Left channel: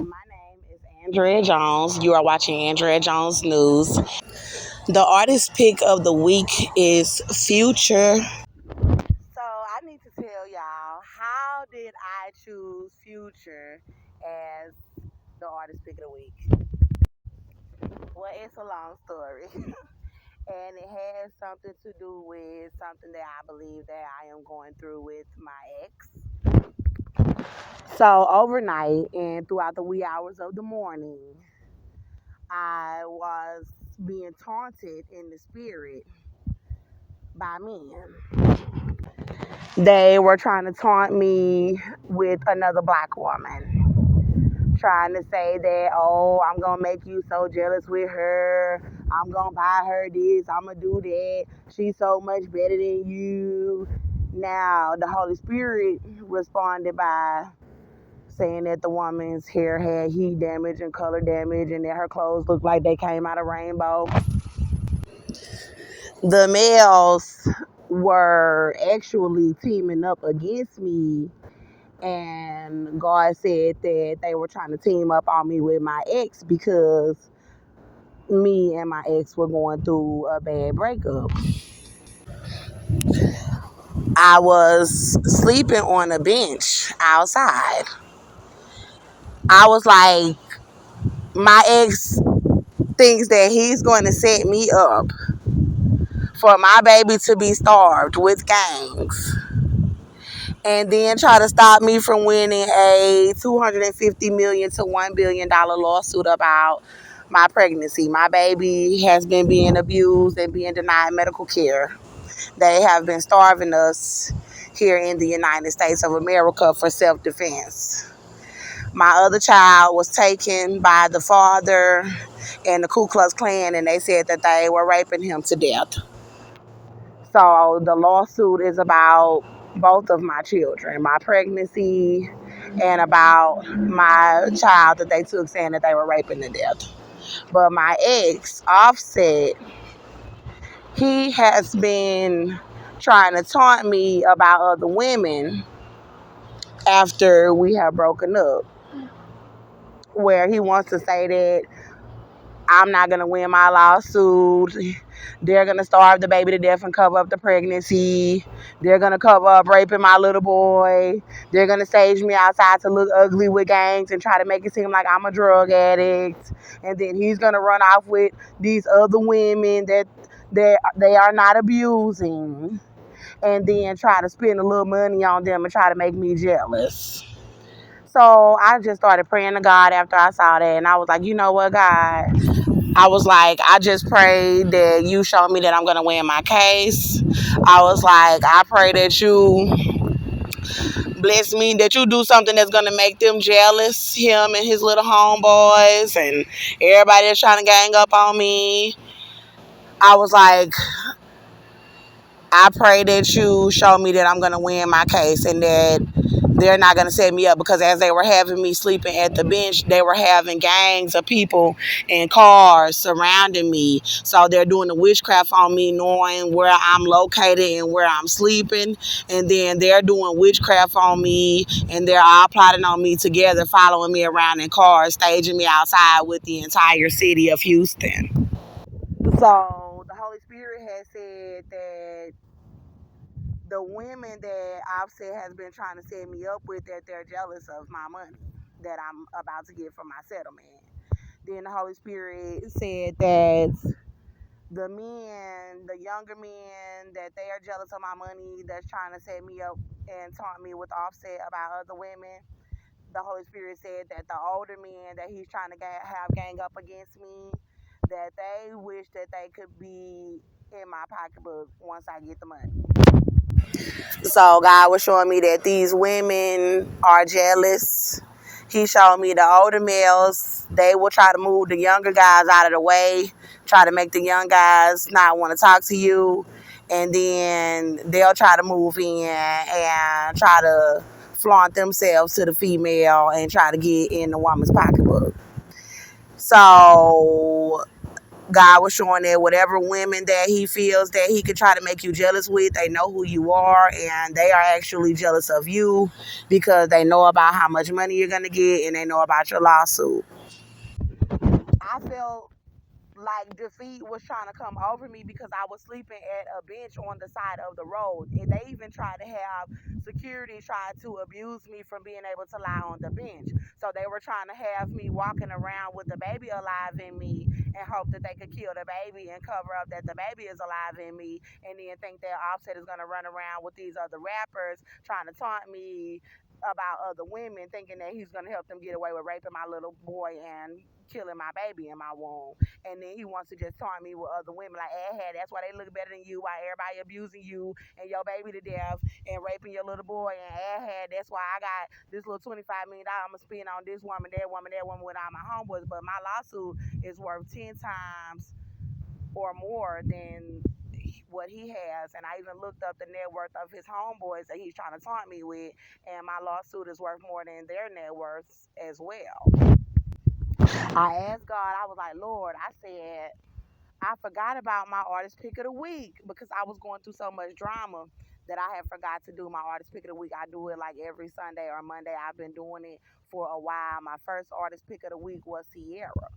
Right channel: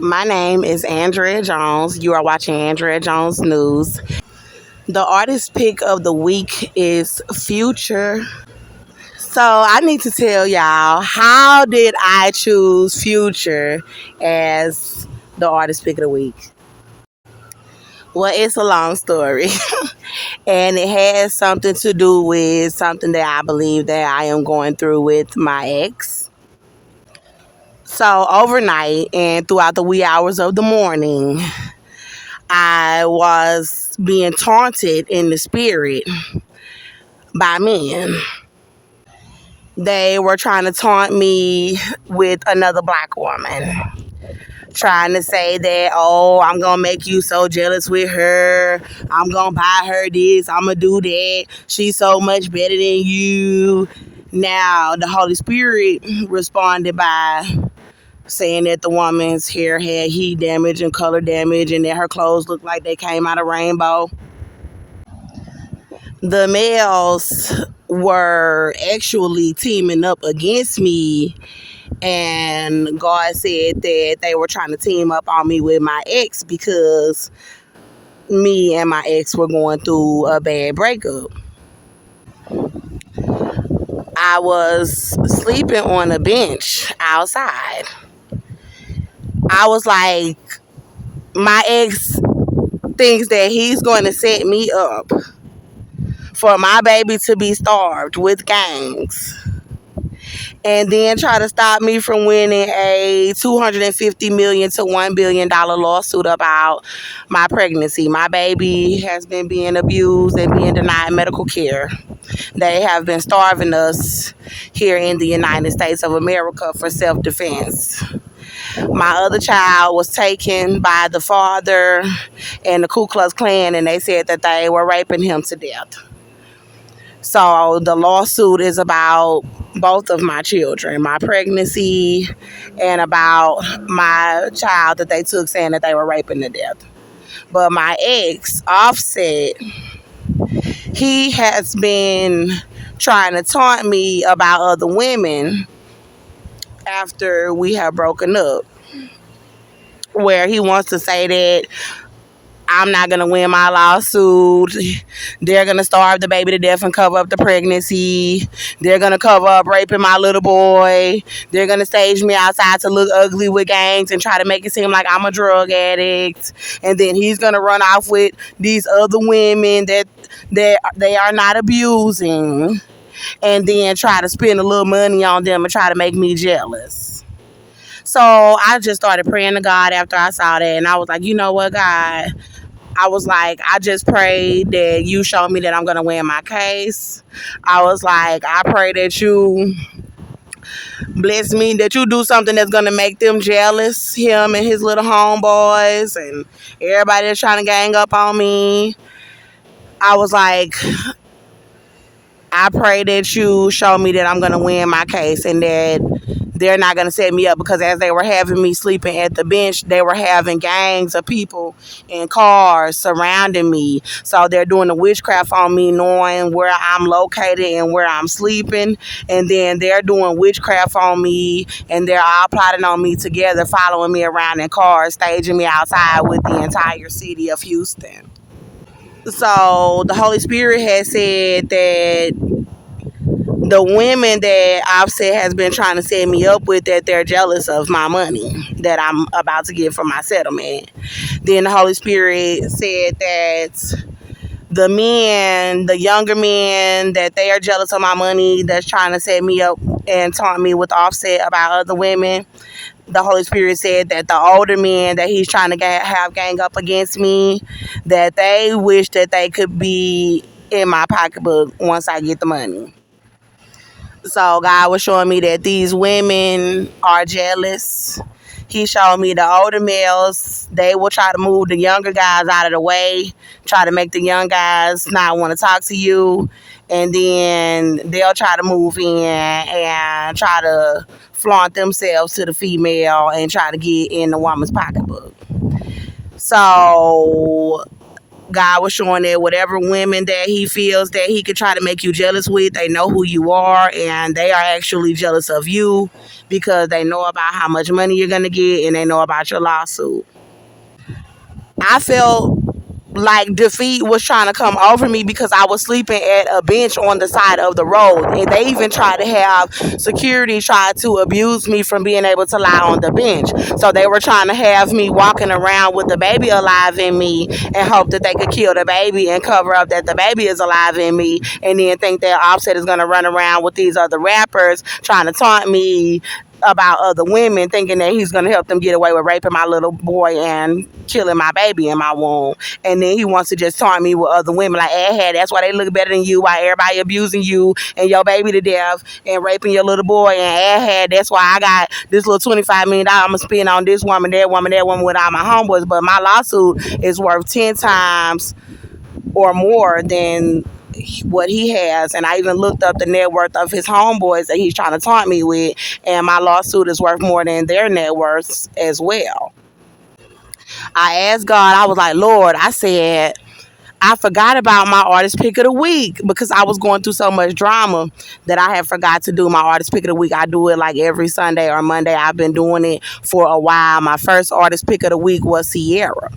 My name is Andrea Jones. You are watching Andrea Jones News. The artist pick of the week is Future. So I need to tell y'all, how did I choose Future as the artist pick of the week? Well, it's a long story. And it has something to do with something that I believe that I am going through with my ex. So overnight and throughout the wee hours of the morning, I was being taunted in the spirit by men. They were trying to taunt me with another black woman, trying to say that, oh, I'm going to make you so jealous with her. I'm going to buy her this. I'm going to do that. She's so much better than you. Now, the Holy Spirit responded by saying that the woman's hair had heat damage and color damage and that her clothes looked like they came out of rainbow. The males were actually teaming up against me, and God said that they were trying to team up on me with my ex because me and my ex were going through a bad breakup. I was sleeping on a bench outside. I was like, my ex thinks that he's going to set me up for my baby to be starved with gangs and then try to stop me from winning a $250 million to $1 billion lawsuit about my pregnancy. My baby has been being abused and being denied medical care. They have been starving us here in the United States of America for self-defense. My other child was taken by the father and the Ku Klux Klan, and they said that they were raping him to death. So the lawsuit is about both of my children, my pregnancy and about my child that they took, saying that they were raping to death. But my ex, Offset, he has been trying to taunt me about other women after we have broken up, where he wants to say that I'm not going to win my lawsuit. They're going to starve the baby to death and cover up the pregnancy. They're going to cover up raping my little boy. They're going to stage me outside to look ugly with gangs and try to make it seem like I'm a drug addict. And then he's going to run off with these other women that they are not abusing, and then try to spend a little money on them and try to make me jealous. So I just started praying to God after I saw that, and I was like, you know what, God? I was like, I just prayed that you show me that I'm going to win my case. I was like, I pray that you bless me, that you do something that's going to make them jealous, him and his little homeboys and everybody that's trying to gang up on me. I was like, I pray that you show me that I'm going to win my case and that they're not going to set me up, because as they were having me sleeping at the bench, they were having gangs of people in cars surrounding me. So they're doing the witchcraft on me, knowing where I'm located and where I'm sleeping. And then they're doing witchcraft on me, and they're all plotting on me together, following me around in cars, staging me outside with the entire city of Houston. So the Holy Spirit has said that the women that Offset has been trying to set me up with, that they're jealous of my money that I'm about to get from my settlement. Then the Holy Spirit said that the men, the younger men, that they are jealous of my money, that's trying to set me up and taunt me with Offset about other women. The Holy Spirit said that the older men that he's trying to have gang up against me, that they wish that they could be in my pocketbook once I get the money. So God was showing me that these women are jealous. He showed me the older males, they will try to move the younger guys out of the way, try to make the young guys not want to talk to you, and then they'll try to move in and try to flaunt themselves to the female and try to get in the woman's pocketbook. So God was showing that whatever women that he feels that he could try to make you jealous with, they know who you are and they are actually jealous of you because they know about how much money you're going to get and they know about your lawsuit. I felt like defeat was trying to come over me because I was sleeping at a bench on the side of the road. And they even tried to have security try to abuse me from being able to lie on the bench. So they were trying to have me walking around with the baby alive in me and hope that they could kill the baby and cover up that the baby is alive in me, and then think that Offset is going to run around with these other rappers trying to taunt me about other women, thinking that he's going to help them get away with raping my little boy and killing my baby in my womb. And then he wants to just taunt me with other women like, that's why they look better than you, why everybody abusing you and your baby to death and raping your little boy, and that's why I got this little $25 million I'm going to spend on this woman, that woman with all my homeboys. But my lawsuit is worth 10 times or more than what he has. And I even looked up the net worth of his homeboys that he's trying to taunt me with, and my lawsuit is worth more than their net worths as well. I asked God, I was like, Lord, I said, I forgot about my artist pick of the week because I was going through so much drama that I had forgot to do my artist pick of the week. I do it like every Sunday or Monday. I've been doing it for a while. My first artist pick of the week was Sierra.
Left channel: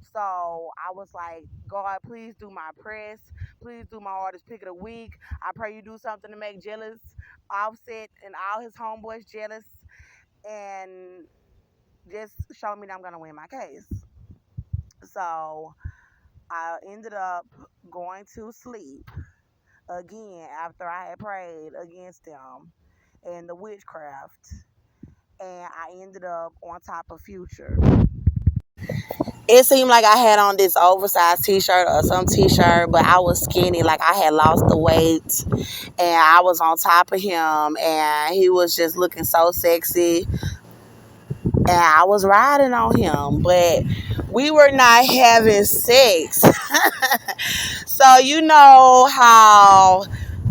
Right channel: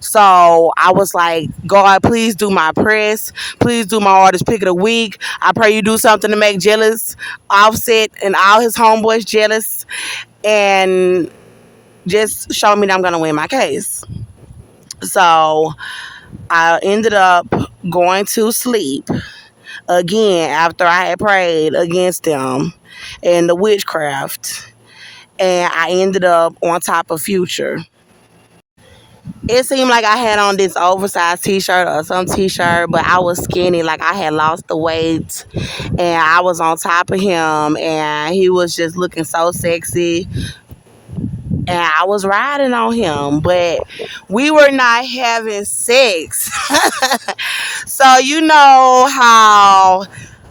So I was like, God, please do my press. Please do my artist pick of the week. I pray you do something to make jealous Offset and all his homeboys jealous, and just show me that I'm going to win my case. So I ended up going to sleep again after I had prayed against them and the witchcraft. And I ended up on top of Future. It seemed like I had on this oversized t-shirt or some t-shirt, but I was skinny, like I had lost the weight, and I was on top of him, and he was just looking so sexy, and I was riding on him, but we were not having sex. So you know how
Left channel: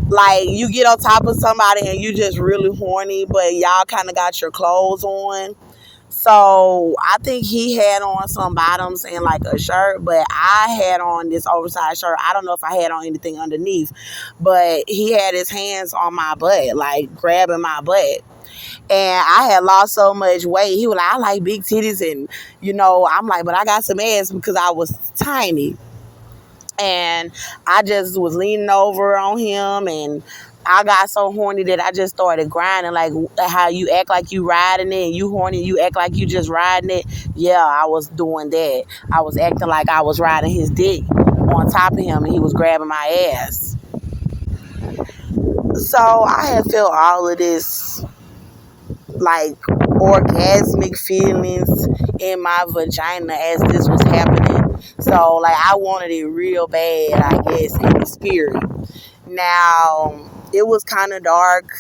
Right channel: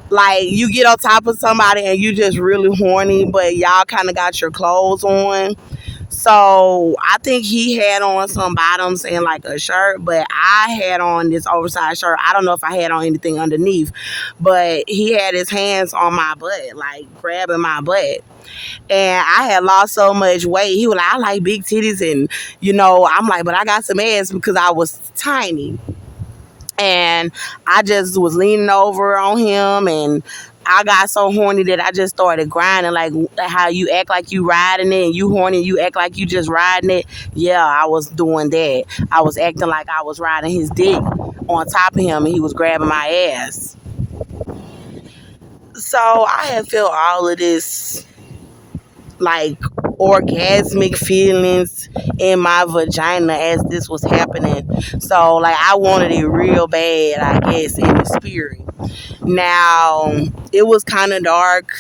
like you get on top of somebody and you just really horny, but y'all kind of got your clothes on. So I think he had on some bottoms and like a shirt, but I had on this oversized shirt. I don't know if I had on anything underneath, but he had his hands on my butt, like grabbing my butt. And I had lost so much weight. He was like, I like big titties. And, I'm like, but I got some ass because I was tiny. And I just was leaning over on him, and I got so horny that I just started grinding, like how you act like you riding it and you horny, you act like you just riding it. Yeah, I was doing that. I was acting like I was riding his dick on top of him and he was grabbing my ass. So I had felt all of this like orgasmic feelings in my vagina as this was happening. So like I wanted it real bad, I guess, in the spirit. Now, it was kind of dark.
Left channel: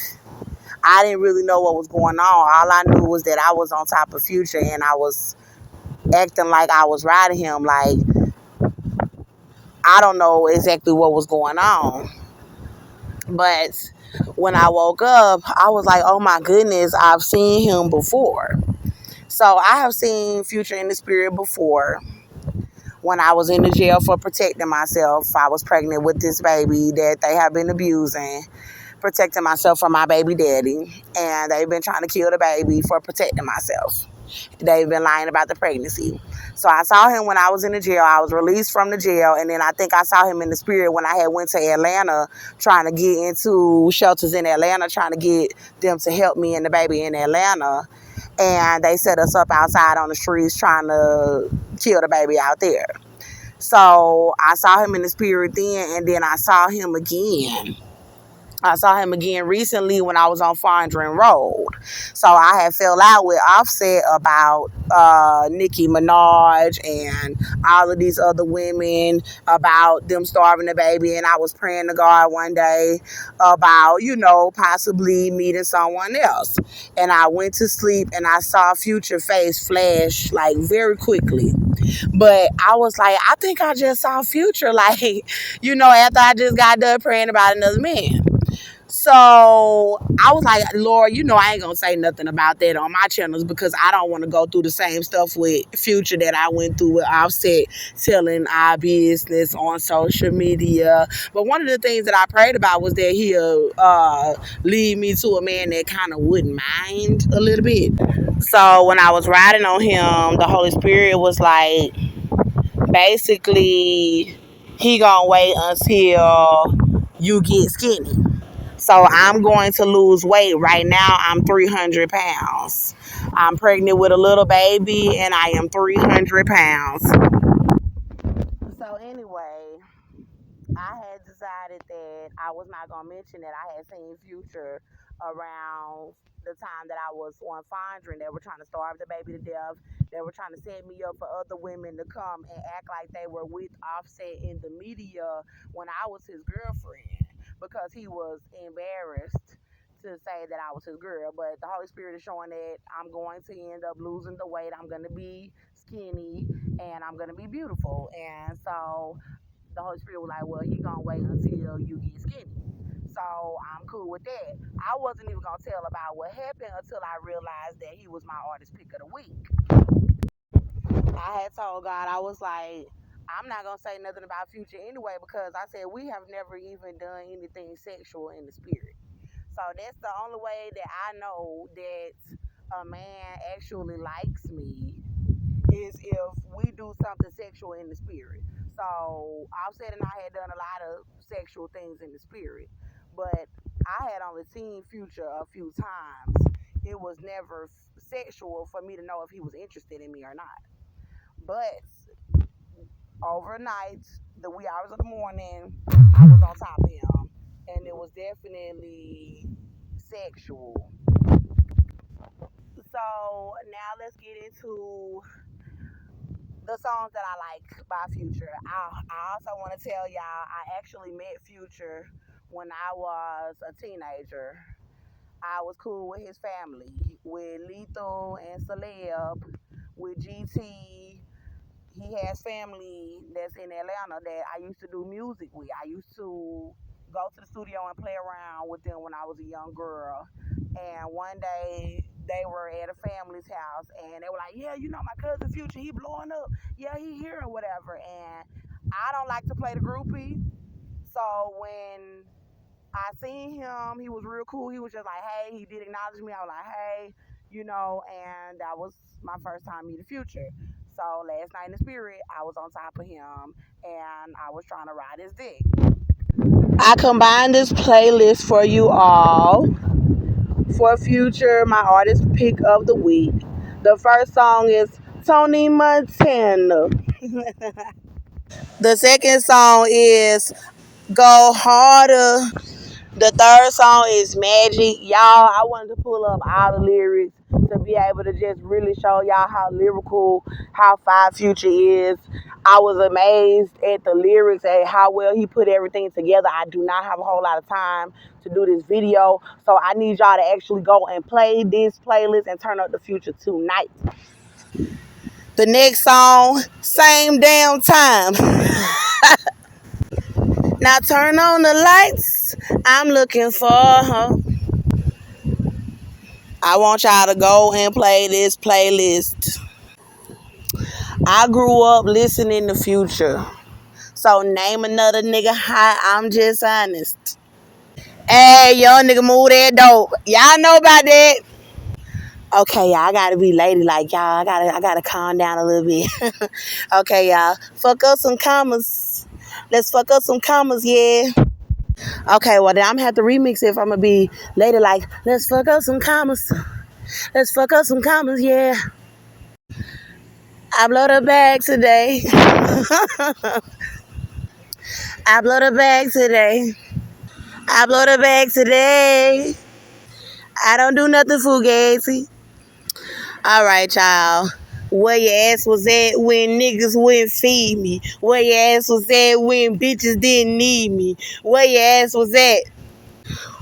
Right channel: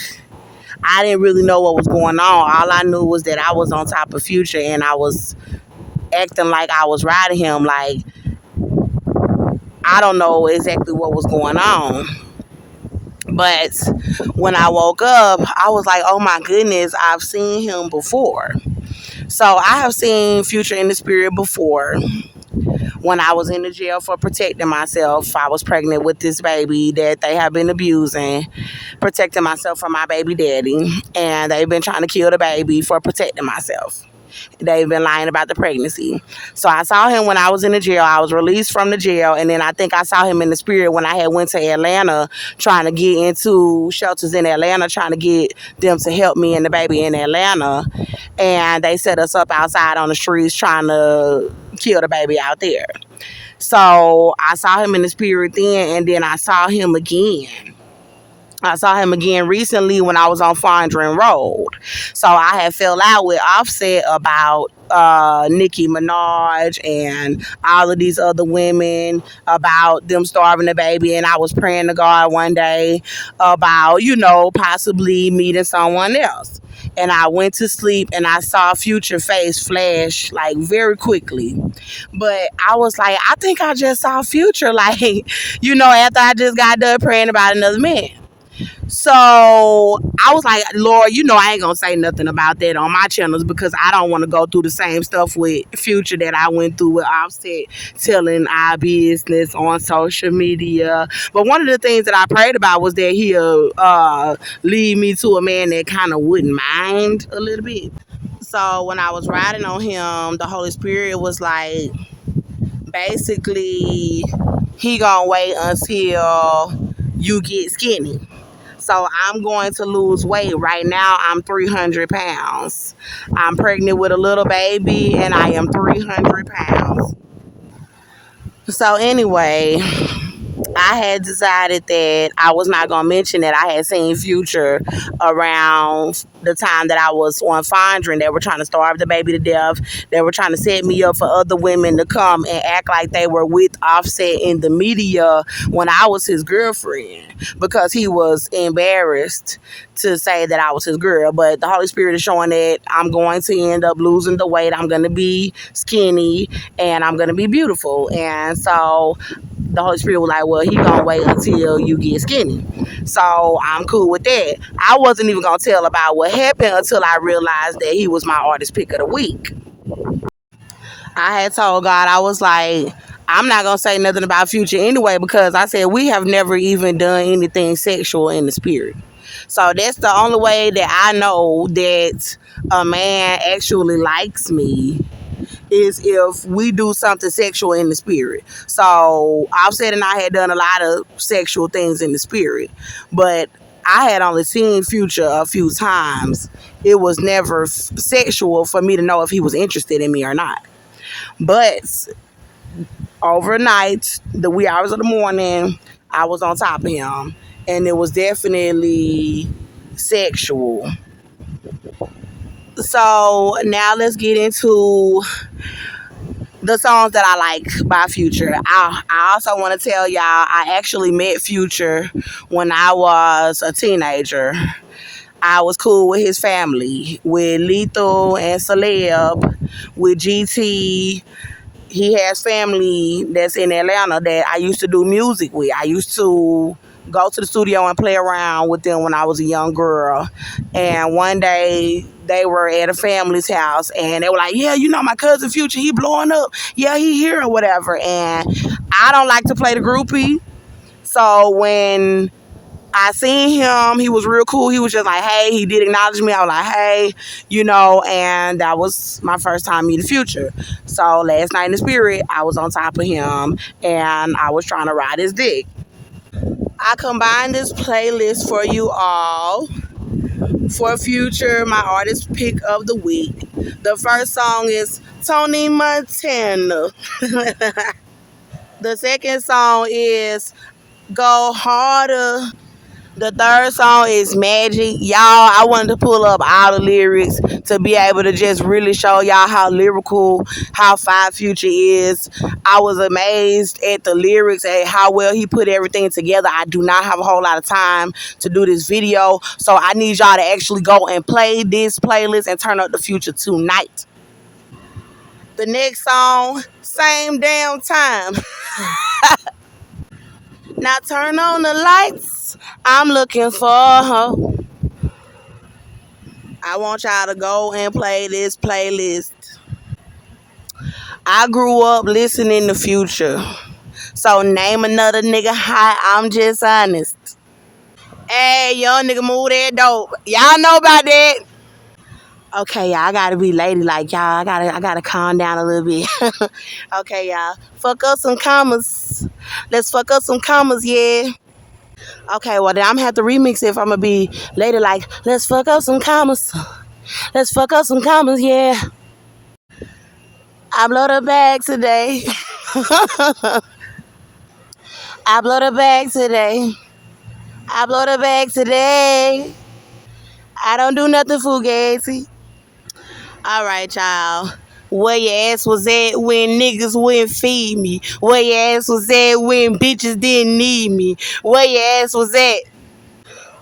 I didn't really know what was going on. All I knew was that I was on top of Future and I was acting like I was riding him. Like, I don't know exactly what was going on. But when I woke up, I was like, oh my goodness, I've seen him before. So I have seen Future in the spirit before. When I was in the jail for protecting myself, I was pregnant with this baby that they have been abusing, protecting myself from my baby daddy, and they've been trying to kill the baby for protecting myself. They've been lying about the pregnancy. So I saw him when I was in the jail. I was released from the jail, and then I think I saw him in the spirit when I had went to Atlanta trying to get into shelters in Atlanta, trying to get them to help me and the baby in Atlanta. And they set us up outside on the streets trying to kill the baby out there. So I saw him in the spirit then, and then I saw him again. I saw him again recently when I was on Fondren Road. So I had fell out with Offset about Nicki Minaj and all of these other women, about them starving the baby. And I was praying to God one day about, possibly meeting someone else. And I went to sleep and I saw Future face flash like very quickly. But I was like, I think I just saw Future, like, after I just got done praying about another man. So I was like, Lord, I ain't gonna say nothing about that on my channels because I don't want to go through the same stuff with Future that I went through with Offset telling our business on social media. But one of the things that I prayed about was that he'll lead me to a man that kind of wouldn't mind a little bit. So when I was riding on him, the Holy Spirit was like, basically, he gonna wait until you get skinny. So I'm going to lose weight. Right now, I'm 300 pounds. I'm pregnant with a little baby, and I am 300 pounds. So anyway, I had decided that I was not going to mention that I had seen Future around the time that I was on Fondren. They were trying to starve the baby to death. They were trying to set me up for other women to come and act like they were with Offset in the media when I was his girlfriend because he was embarrassed to say that I was his girl. But the Holy Spirit is showing that I'm going to end up losing the weight. I'm going to be skinny and I'm going to be beautiful. And so the Holy Spirit was like, well, he gonna wait until you get skinny. So I'm cool with that. I wasn't even gonna tell about what happened until I realized that he was my artist pick of the week. I had told God, I was like, I'm not gonna say nothing about Future anyway because I said we have never even done anything sexual in the spirit. So that's the only way that I know that a man actually likes me is if we do something sexual in the spirit. So Offset and I had done a lot of sexual things in the spirit, but I had only seen Future a few times. It was never sexual for me to know if he was interested in me or not. But overnight, the wee hours of the morning, I was on top of him, and it was definitely sexual. So now let's get into the songs that I like by Future. I also want to tell y'all I actually met Future when I was a teenager. I was cool with his family, with Lethal and Celeb, with GT. He has family that's in Atlanta that I used to do music with. I used to go to the studio and play around with them when I was a young girl. And one day they were at a family's house and they were like, yeah, my cousin Future, he blowing up. Yeah, he here or whatever. And I don't like to play the groupie. So when I seen him, he was real cool. He was just like, hey, he did acknowledge me. I was like, hey, and that was my first time meeting Future. So last night in the spirit, I was on top of him and I was trying to ride his dick. I combined this playlist for you all for Future, my artist pick of the week. The first song is Tony Montana. The second song is Go Harder. The third song is Magic. Y'all, I wanted to pull up all the lyrics to be able to just really show y'all how lyrical, how fine Future is. I was amazed at the lyrics, at how well he put everything together. I do not have a whole lot of time to do this video, so I need y'all to actually go and play this playlist and turn up the Future tonight. The next song, Same Damn Time. Now turn on the lights. I'm looking for her. I want y'all to go and play this playlist. I grew up listening to Future. So name another nigga hot, I'm just honest. Hey, young nigga, move that dope. Y'all know about that. Okay, y'all, I gotta be ladylike, y'all. I gotta calm down a little bit. Okay, y'all. Fuck up some commas. Let's fuck up some commas, yeah. Okay, well then I'm gonna have to remix it if I'm gonna be ladylike. Let's fuck up some commas. Let's fuck up some commas, yeah. I blow the bag today. I blow the bag today. I blow the bag today. I don't do nothing fugazi. All right, y'all. Where your ass was at when niggas wouldn't feed me? Where your ass was at when bitches didn't need me? Where your ass was at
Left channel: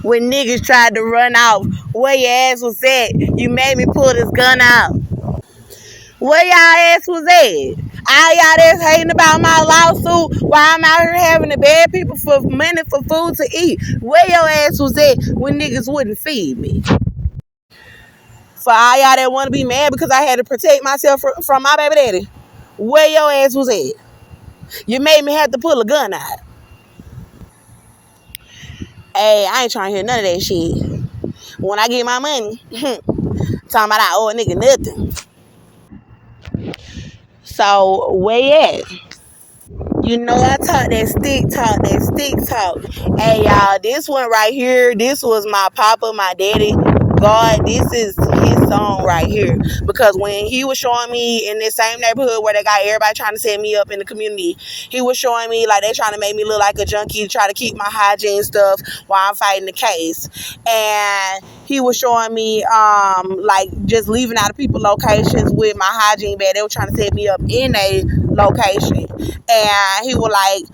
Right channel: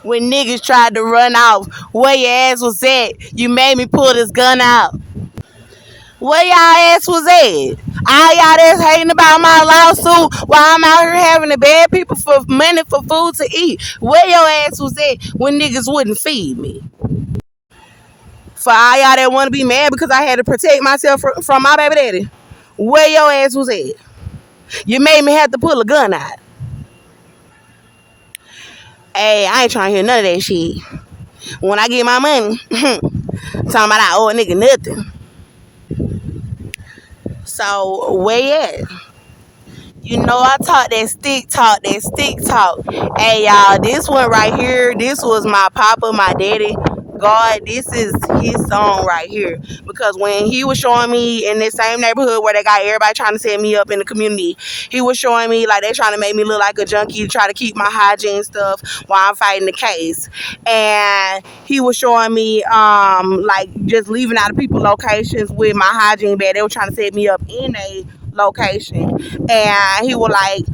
when niggas tried to run off? Where your ass was at? You made me pull this gun out. Where y'all ass was at? All y'all that's hating about my lawsuit while I'm out here having to beg people for money for food to eat. Where your ass was at when niggas wouldn't feed me? For all y'all that want to be mad because I had to protect myself from my baby daddy. Where your ass was at? You made me have to pull a gun out. Hey, I ain't trying to hear none of that shit. When I get my money, talking about I owe a nigga nothing. So, where you at? You know I talk that stick talk. Hey y'all, this one right here, this was my papa, my daddy. God, this is his song right here. Because when he was showing me in this same neighborhood where they got everybody trying to set me up in the community, he was showing me like they trying to make me look like a junkie, try to keep my hygiene stuff while I'm fighting the case. And he was showing me like just leaving out of people locations with my hygiene bag. They were trying to set me up in a location. And he was like,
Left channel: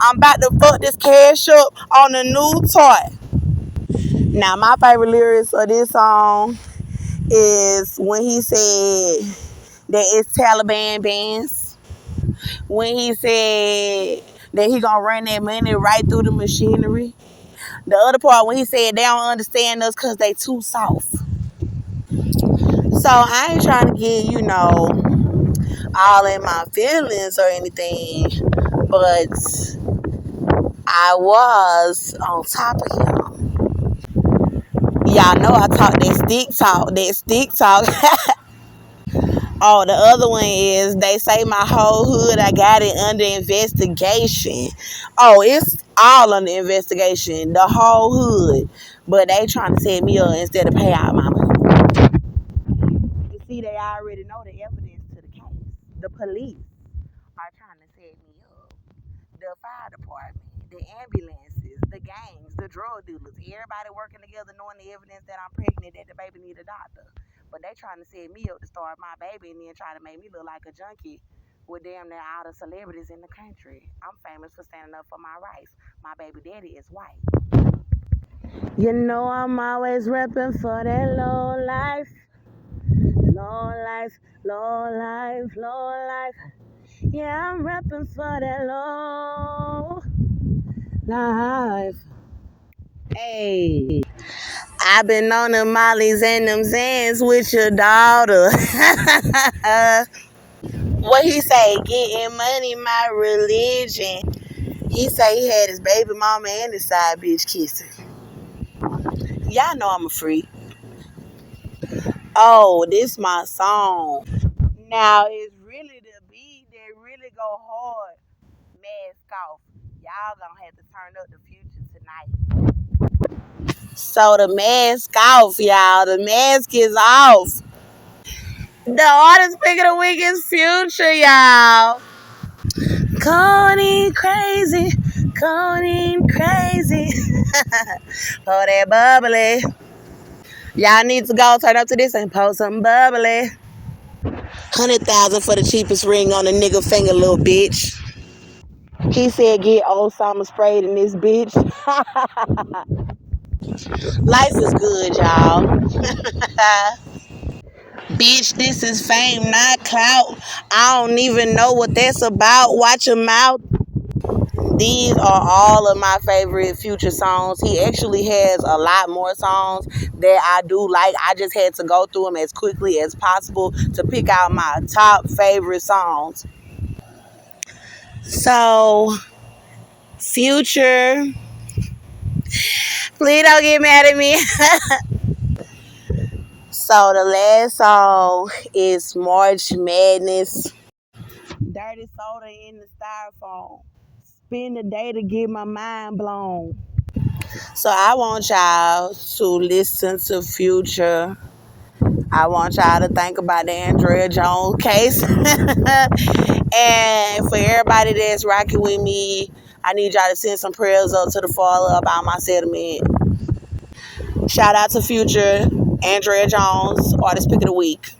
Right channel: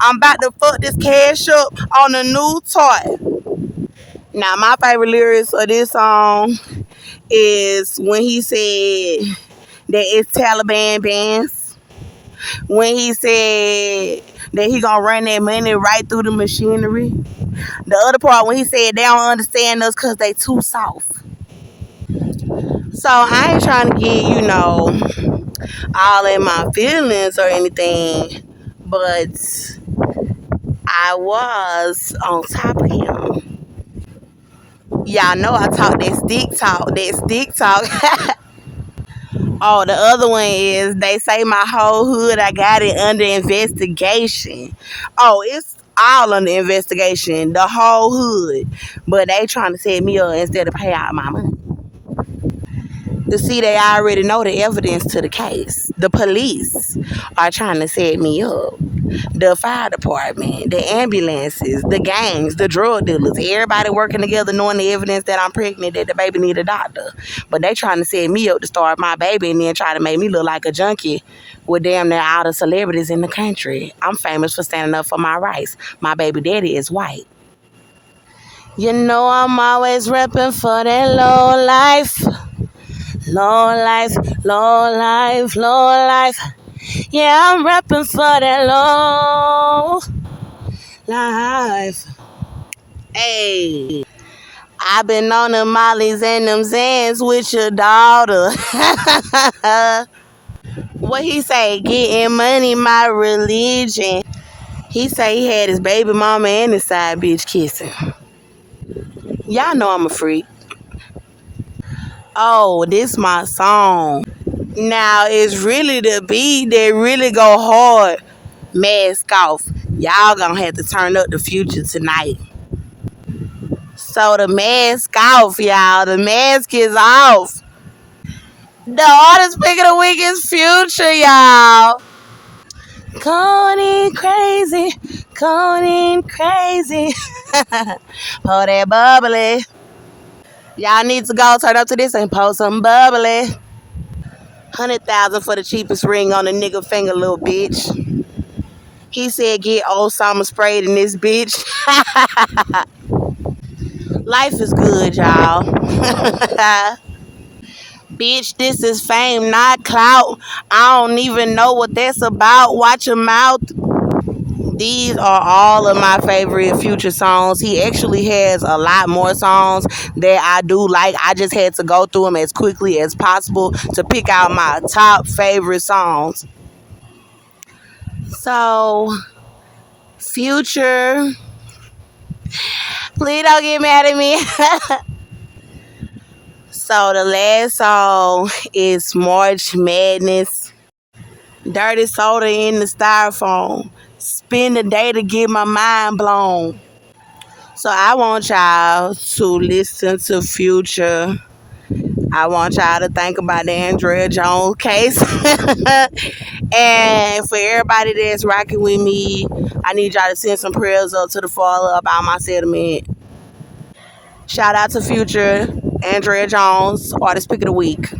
I'm about to fuck this cash up on a new toy. Now, my favorite lyrics of this song is when he said that it's Taliban bands. When he said that he gonna run that money right through the machinery. The other part when he said they don't understand us because they too soft. So I ain't trying to get, all in my feelings or anything, but I was on top of him. Y'all know I talk that stick talk. Oh, the other one is they say my whole hood, I got it under investigation. Oh, it's all under investigation, the whole hood. But they trying to set me up instead of pay out my money. To see, they already know the evidence to the case. The police are trying to set me up. The fire department, the ambulances, the gangs, the drug dealers, everybody working together knowing the evidence that I'm pregnant, that the baby need a doctor. But they trying to set me up to start my baby and then try to make me look like a junkie with damn near all the celebrities in the country. I'm famous for standing up for my rights. My baby daddy is white. You know I'm always repping for that low life. Low life, low life, low life. Yeah, I'm repping for that low life. Hey, I've been on them mollies and them Zans with your daughter. What he say? Getting money, my religion. He say he had his baby mama and his side bitch kissing. Y'all know I'm a freak. Oh, this my song. Now, it's really the beat that really go hard. Mask off. Y'all gonna have to turn up the Future tonight. So the mask off, y'all. The mask is off. The artist pick of the week is Future, y'all. Codeine crazy. Codeine crazy. Pour that bubbly. Y'all need to go turn up to this and pour some bubbly. 100,000 for the cheapest ring on a nigga finger, little bitch. He said get old summer sprayed in this bitch. Life is good, y'all. Bitch, this is fame, not clout. I don't even know what that's about. Watch your mouth. These are all of my favorite Future songs. He actually has a lot more songs that I do like. I just had to go through them as quickly as possible to pick out my top favorite songs. So, Future, please don't get mad at me. So, the last song is March Madness. Dirty soda in the styrofoam. Spend the day to get my mind blown. So I want y'all to listen to Future. I want y'all to think about the Andrea Jones case. And for everybody that's rocking with me, I need y'all to send some prayers up to the Father about my settlement. Shout out to Future, Andrea Jones, Artist Pick of the Week.